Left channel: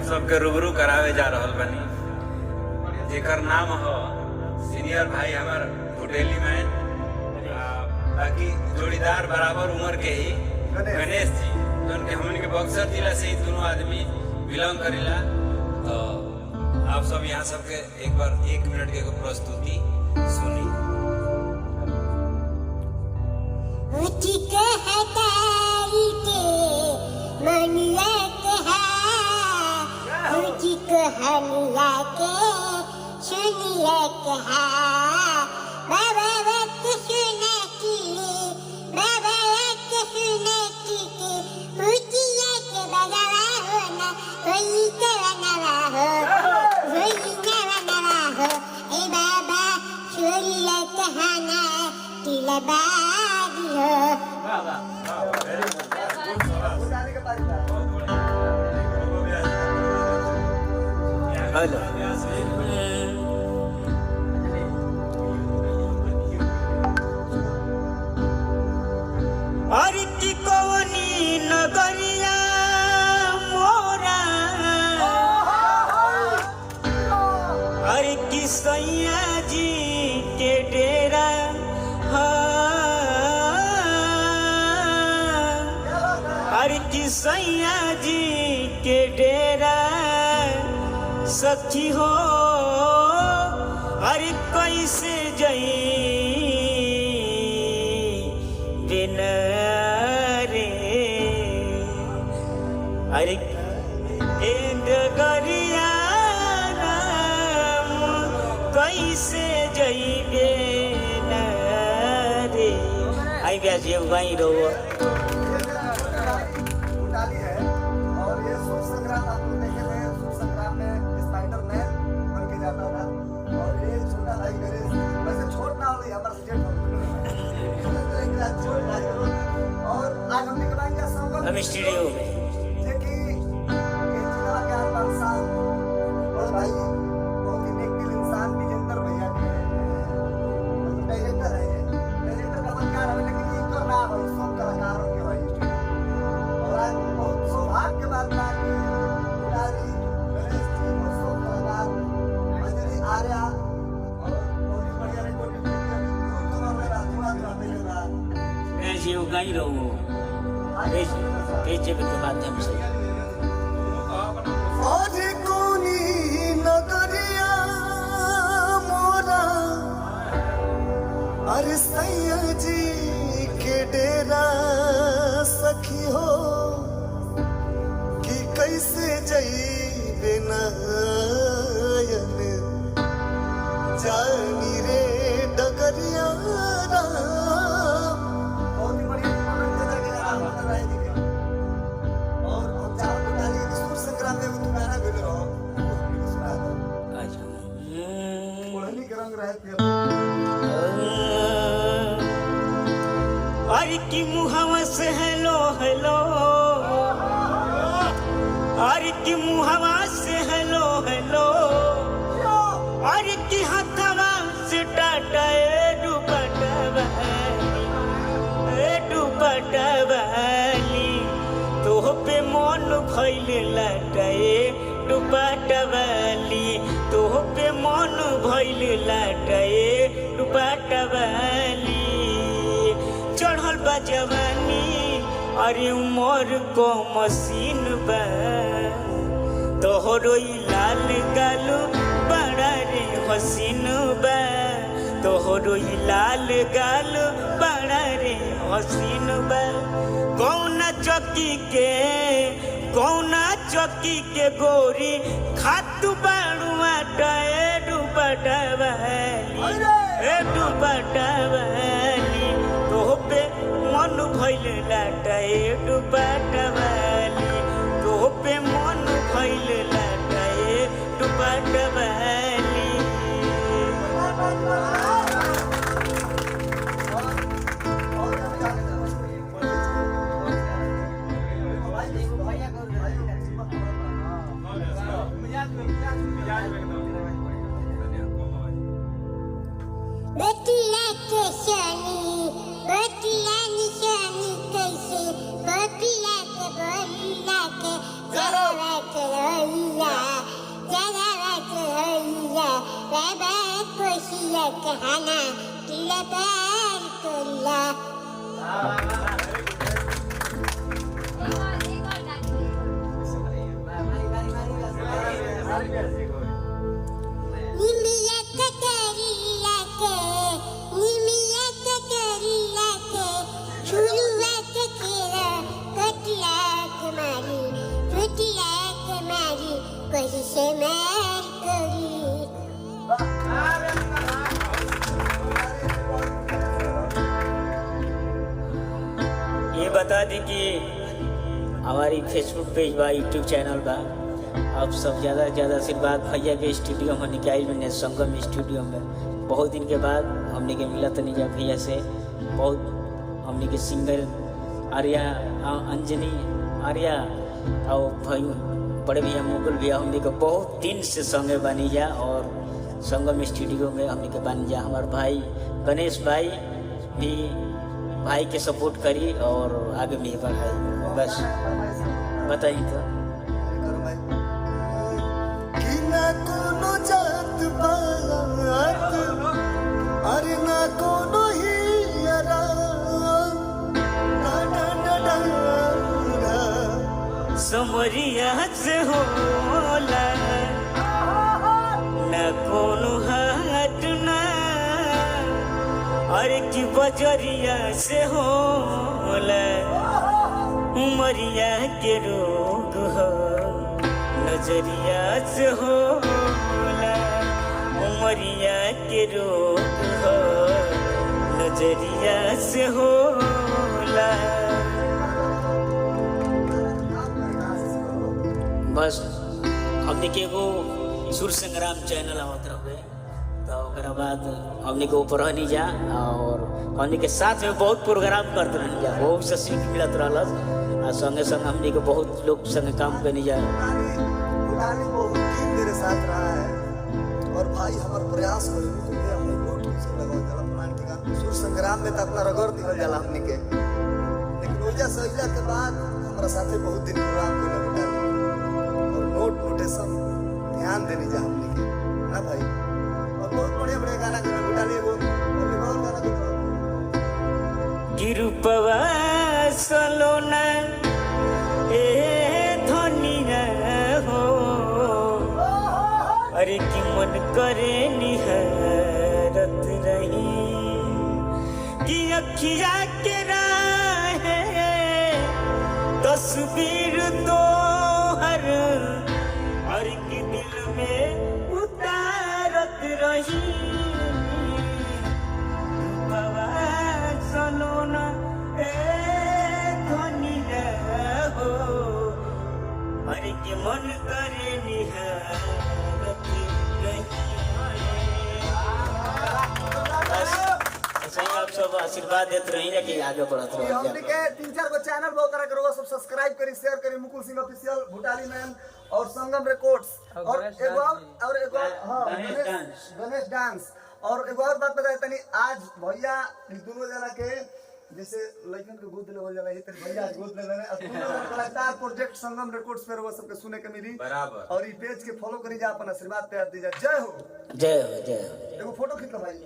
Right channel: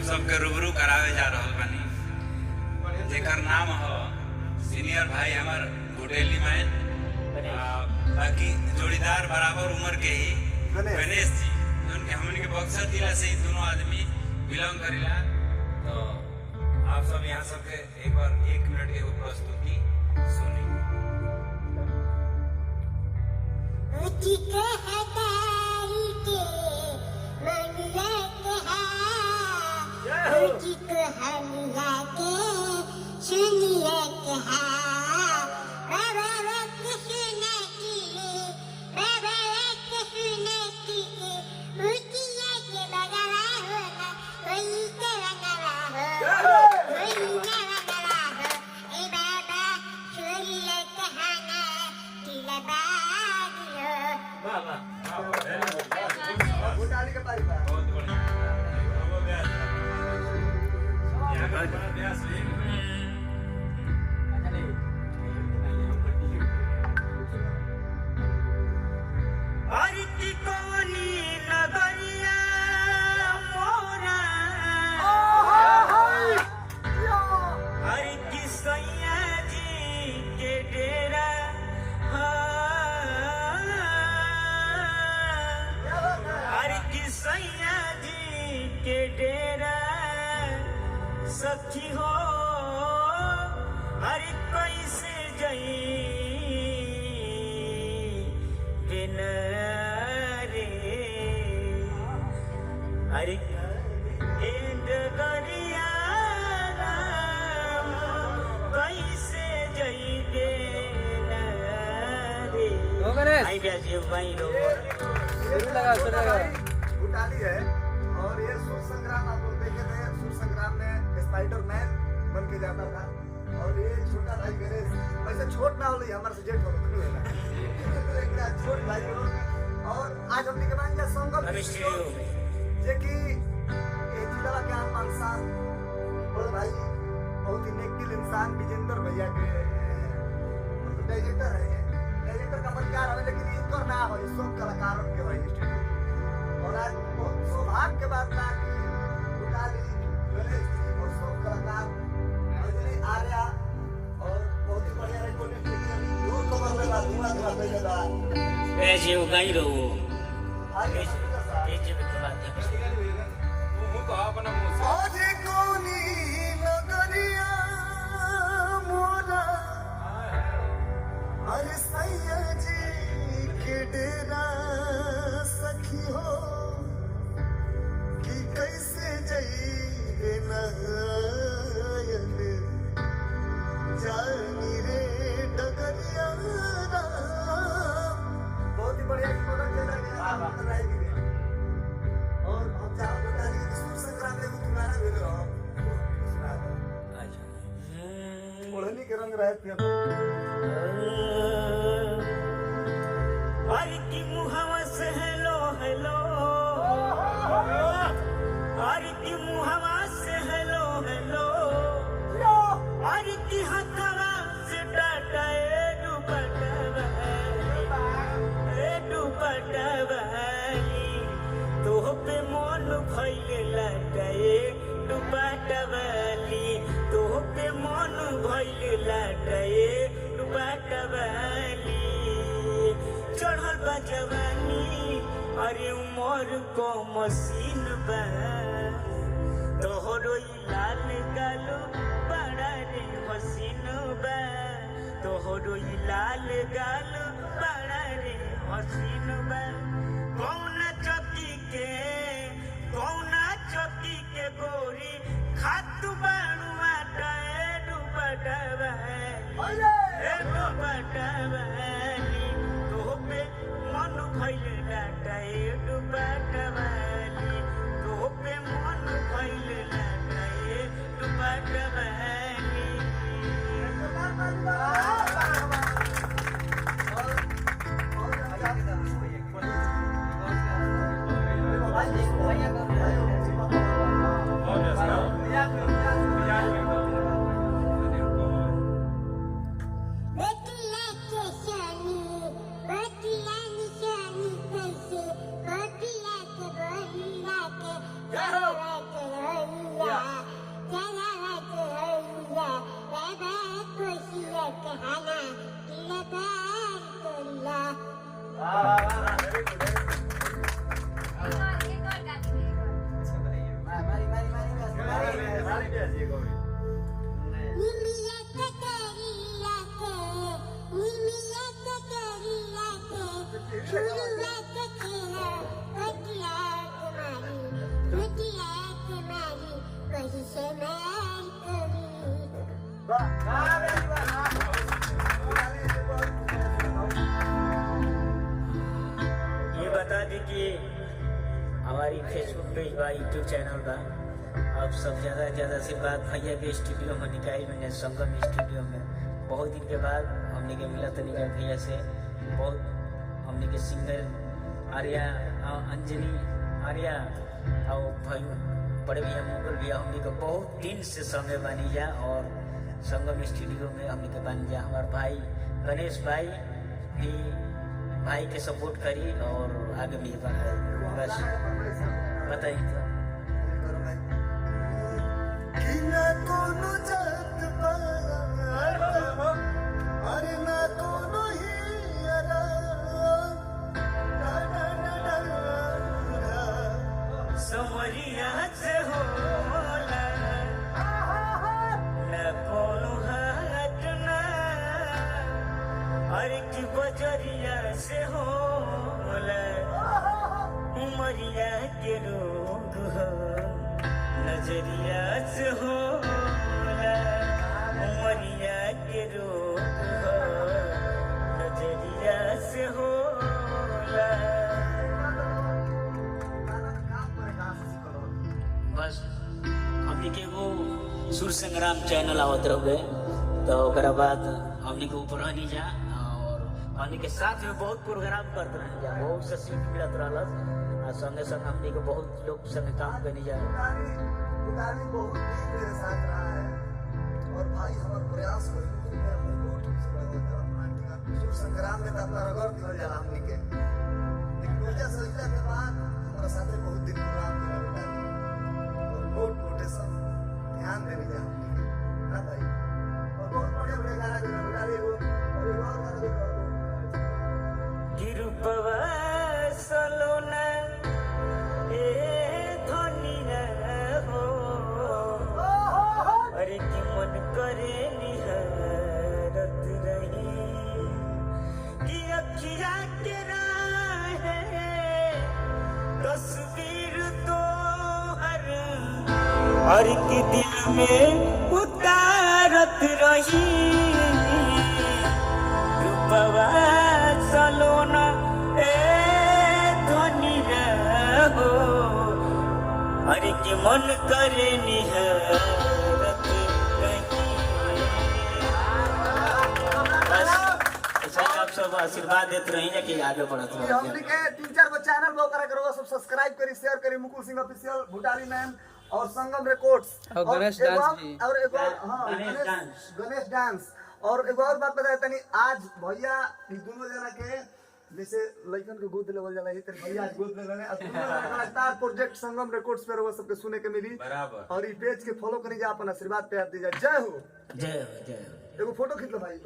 आप सबके रूबरू करावे जा रहल बनी, जेकर नाम हो सीनियर भाई हमार होटेली मैन, बाकी जोड़ीदार बराबर उम्र के ही गणेश जी, तो उनके हमन के बक्सर जिला से दोनों आदमी बिलोंग करेला। तो आप सब यहाँ सबके एक बार 1 मिनट के प्रस्तुति सुनी। सैया जी के डेरा सखी हो, अरे कैसे जई बिना रे, अरे डगरिया कैसे जई बिना रे। आई ब्याज ये वहीं रहो उटाली है। और ये सूर संग्राम आप लोग देखे थे, सूर संग्राम में स्पाइडरमैन बन के जाता था। और ये छोटा भाई गणेश, वैसे छोट ना हो हमारे से जेठ छोट भाई गणेश। और आज हम निकलेंगे संगम जे कि जिला के 5 साल और भाई बहुत ही नेक दिल इंसान विजेंद्र भैया के मतलब डायरेक्टर है। डायरेक्टर का पद क्या रहा, लेकिन इनको ना भाई सब कलाकारों के भाई स्टूडियो। और आज बहुत सौभाग्य के बाद ना कि उटाली गणेश जी और सब कलाकार अंजलि आर्या और बहुत ही बढ़िया रिकॉर्डिंग दूर तो कर लेगा, धुआं कर लेगा। ऐसे उगाई रहो पेचे पे तो माध्यम से आज कोनी नगरिया मोरा, अरे सैया जी के डेरा सखी हो, कि कैसे जई नयन जानी रे डगरिया। बहुत ही बढ़िया और सूर संग्राम में गाना भी रहो ओढ़नी के रंग रहे थे। अरे की मुहावा से हेलो हेलो, अरे की मुहावा से हेलो हेलो, अरे की हथवा से टाटा डुबटवाली, तो पे मन भइले लटाए डुबटवाली, तो पे मन भइले लटाए डुबटवाली। चढ़ल बा जवानी, अरे उमर को मसीन बा, तोहरो लाल गालो बड़ा रे हसीन बा, तोहरो लाल गालो बड़ा रे हसीन बा। कौना चौकी के गोरी खातू बाड़ुआ टाए डुबटवाली, तोहपे मन भइल लाटाए डुबटवाली, तोहपे मन भइल लाटाए डुबटवाली। Betiya nisyani kaise, betiya बता दी कि हमारी फेसबुक पेज बा, यूट्यूब चैनल बा। आप सब ज़्यादा से ज़्यादा आशीर्वाद भैया के स्टूडियो में निकाल मैंने संगम स्टूडियो में बहुत दिन के बाद हमने के मिला तो नहीं जा भैया से। बहुत हमने के सिंगर आर्या अंजनी आर्या और भाई बड़े भैया मुकुल भैया हमने के बहुत दिन से संगे बनी जा और संगम स्टूडियो में हमने के बन जा। हमारे भाई गणेश भाई भी भाई के सपोर्ट करी और आगे भी बढ़ाई। बस बताइए तो कि ना कोनो जात पात अरे ना कोनो ही यारा समरिया से होला न कोनो हाट ना अरे की बजरिया से होला उमरिया के रोग हो नजरिया से होला उमरिया के रोग हो नजरिया से होला। बस हमने के एगो सुर संग्राम चैनल आवत रहे तो ओकरा बाद हमने के ऊपर रहनी जा और हमने के साथ में बहुत प्रोग्राम करते रहनी जा। बहुत से सीख मिलत रहल और संगे संग हमने के बहुत लोग संग काम करनी जा। पुरानी बहुत दिन मेरे साथ रहा है और भाई हमारा प्रयास करें तो मैं अपने बहुत पीछे लगा जरा पुरानी के काम सुर संग्राम में तो अपना रगड़ निकल जाला हमने के। लेकिन रोजा सहिला के बाद हमारा साथे बहुत दिन प्रोग्राम करने उठा और नोट नोटेशन ध्यान देने जा हमने के ना भाई और बहुत बड़े गाना के उठा ले वो और एक और गाना के गिरुपवा सलोना ए धनी हो अरे की मन करे निहरत रही कि अखिया के राहे तस्वीर तो हर के दिल में उतारत रही। रूपवा सलोना ए धनी हो अरे की मन करे निहरत रही। ऐसे ही आप सब आशीर्वाद देते रहिए कि आगे बढ़त रहिए। हमने के 3-4 गो चैनल बो करा करो सब सब्सक्राइब करी शेयर करी मुकुल सिंह ऑफिशियल भूटाली मैन और संगम रिकॉर्ड्स और गणेश डांस और एक और बात बताया तनी आज भैया दोनों जना के जैसे लड़कन के गोद लेवल जाला ये तेरे भैया गोद ले लेने कलाकार प्रोजेक्ट संगम रिकॉर्ड्स पे वो सबके सुने के मिली और ई पेज के फॉलो करी जा अपन आशीर्वाद प्यार दी जा। जय हो जय हो जय हो। एगो फोटो खींच लो भाई।